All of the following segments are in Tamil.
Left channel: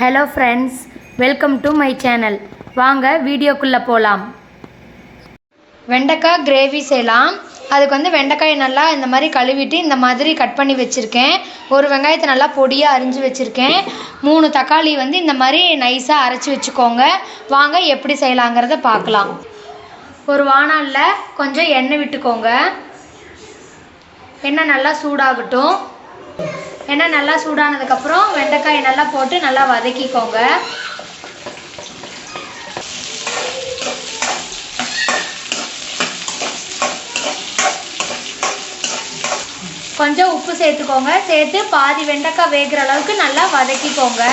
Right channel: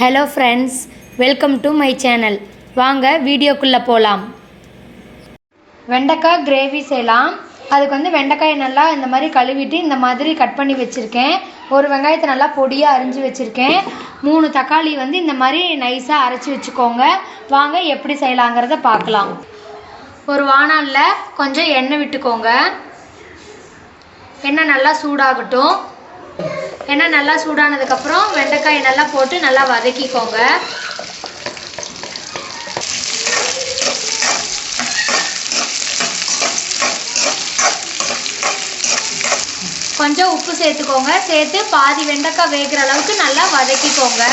Hello friends, welcome to my channel. வாங்க வீடியோக்குள்ளே போகலாம். வெண்டைக்காய் கிரேவி செய்யலாம். அதுக்கு வந்து வெண்டைக்காயை நல்லா இந்த மாதிரி கழுவிட்டு இந்த மாதிரி கட் பண்ணி வச்சுருக்கேன். ஒரு வெங்காயத்தை நல்லா பொடியாக அரிஞ்சு வச்சுருக்கேன். 3 தக்காளி வந்து இந்த மாதிரி நைஸாக அரைச்சி வச்சுக்கோங்க. வாங்க எப்படி செய்யலாங்கிறத பார்க்கலாம். ஒரு வாணலியில் கொஞ்சம் எண்ணெய் விட்டுக்கோங்க. எண்ணெய் நல்லா சூடாகட்டும். எண்ணெய் நல்லா சூடானதுக்கப்புறம் வெண்டைக்காயை நல்லா போட்டு நல்லா வதக்கிக்கோங்க. கொஞ்சம் உப்பு சேர்த்துக்கோங்க. சேர்த்து பாதி வெண்டைக்காய் வேகிற அளவுக்கு நல்லா வதக்கிக்கோங்க.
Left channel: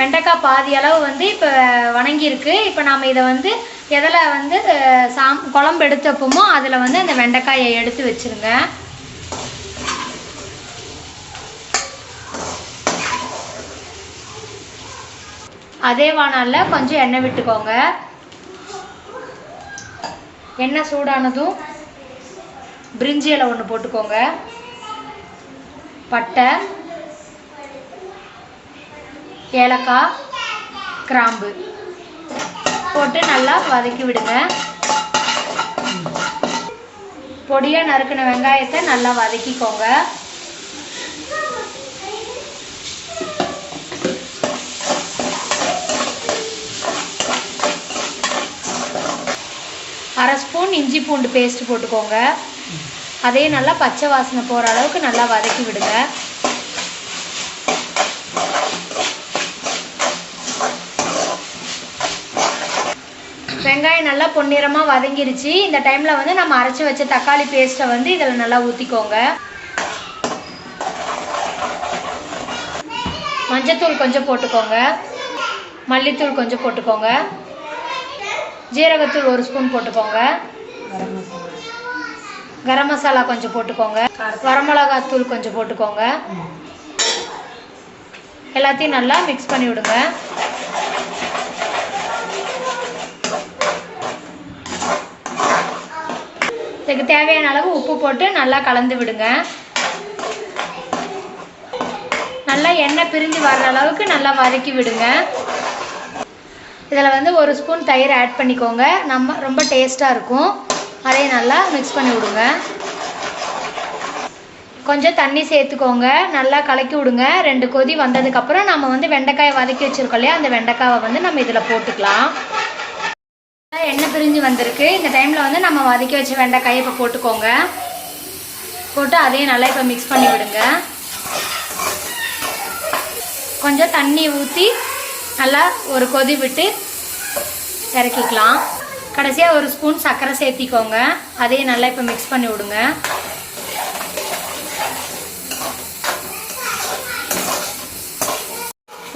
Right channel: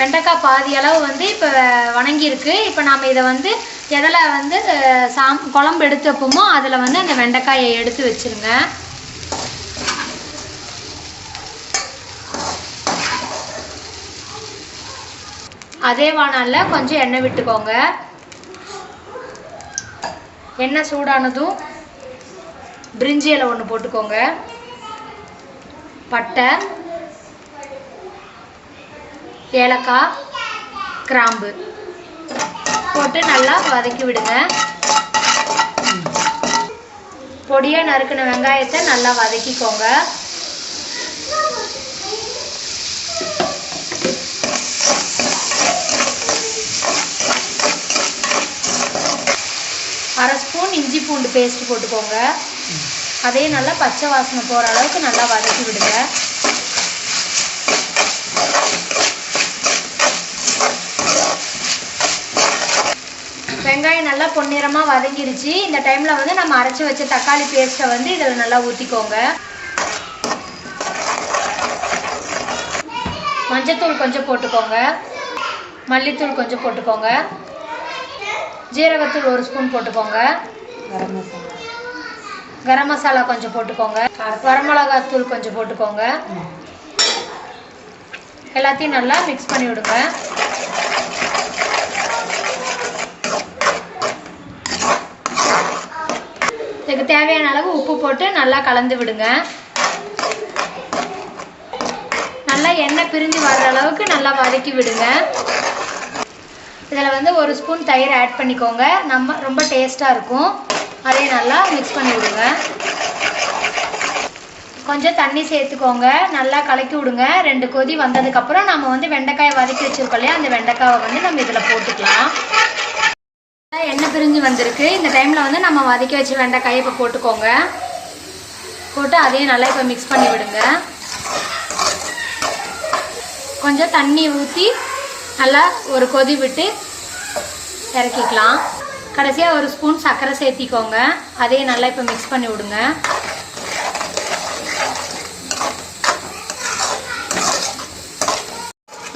வெண்டைக்காய் பாதி அளவு வந்து இப்போ வணங்கியிருக்கு. இப்போ நாம் இதை வந்து எதில் வந்து குழம்பு எடுத்து வைப்போமோ அதில் வந்து அந்த வெண்டைக்காயை எடுத்து வச்சுருங்க. அதே வாணலில் கொஞ்சம் எண்ணெய் விட்டுக்கோங்க. எண்ணெய் சூடானதும் பிரிஞ்சி இலை 1 போட்டுக்கோங்க. பட்டை, ஏலக்காய், கிராம்பு போட்டு நல்லா வதக்கி விடுங்க. பொடியாக நறுக்கின வெங்காயத்தை நல்லா வதக்கிக்கோங்க. அரை ஸ்பூன் இஞ்சி பூண்டு பேஸ்ட் போட்டுக்கோங்க. அதே நல்லா பச்சை வாசனை போகிற அளவுக்கு நல்லா வதக்கி விடுங்க. வெங்காயம் நல்லா பொன்னிறமாக வதங்கிடுச்சு. இந்த டைமில் வந்து நம்ம அரைச்சி வச்ச தக்காளி பேஸ்ட்டை வந்து இதில் நல்லா ஊற்றிக்கோங்க. மஞ்சத்தூள் கொஞ்சம் போட்டுக்கோங்க. மல்லித்தூள் கொஞ்சம் போட்டுக்கோங்க. ஜீரகத்தூள் 1 ஸ்பூன் போட்டுக்கோங்க. கரம் மசாலா கொஞ்சம் போட்டுக்கோங்க. வரமிளகாத்தூள் கொஞ்சம் போட்டுக்கோங்க. எல்லாத்தையும் நல்லா மிக்ஸ் பண்ணி விடுங்க. இதுக்கு தேவையான அளவு உப்பு போட்டு நல்லா கலந்து விடுங்க. நல்லா எண்ணெய் பிரிஞ்சு வர்ற அளவுக்கு நல்லா வதக்கி விடுங்க. இதில் வந்து 1 ஸ்பூன் தயிர் ஆட் பண்ணிக்கோங்க. ரொம்ப டேஸ்ட்டாக இருக்கும். அதையும் நல்லா மிக்ஸ் பண்ணி விடுங்க. கொஞ்சம் தண்ணி சேர்த்துக்கோங்க. நல்லா கலக்கி விடுங்க. 2 கொதி வந்ததுக்கப்புறம் நம்ம வந்து வெண்டைக்காயை வதக்கி வச்சுருக்கோம் இல்லையா, அந்த வெண்டைக்காயை வந்து நம்ம இதில் போட்டுக்கலாம். எண்ணெய் பிரிஞ்சு வந்திருக்கு. இந்த டைமில் வந்து நம்ம வதக்கி வச்ச வெண்டைக்காயை இப்போ போட்டுக்கோங்க. போட்டு அதையும் நல்லா இப்போ மிக்ஸ் பண்ணி விடுங்க. கொஞ்சம் தண்ணி ஊற்றி நல்லா ஒரு கொதி விட்டு இறக்கிக்கலாம். கடைசியாக 1 ஸ்பூன் சர்க்கரை சேர்த்திக்கோங்க. அதையும் நல்லா இப்போ மிக்ஸ் பண்ணி விடுங்க.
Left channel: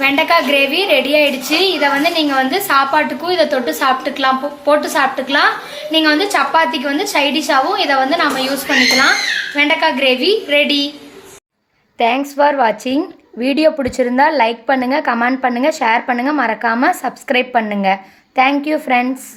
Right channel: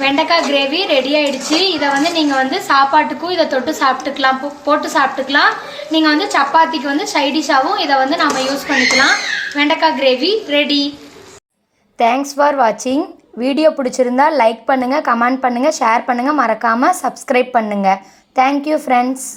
வெண்டைக்காய் கிரேவி ரெடி ஆயிடுச்சு. இதை வந்து நீங்கள் வந்து சாப்பாட்டுக்கும் இதை தொட்டு சாப்பிட்டுக்கலாம், போட்டு சாப்பிட்டுக்கலாம். நீங்கள் வந்து சப்பாத்திக்கு வந்து சைடிஷாகவும் இதை வந்து நம்ம யூஸ் பண்ணிக்கலாம். வெண்டைக்காய் கிரேவி ரெடி. தேங்க்ஸ் ஃபார் வாட்சிங். வீடியோ பிடிச்சிருந்தா லைக் பண்ணுங்கள், கமெண்ட் பண்ணுங்கள், ஷேர் பண்ணுங்கள், மறக்காமல் சப்ஸ்கிரைப் பண்ணுங்கள். Thank you friends.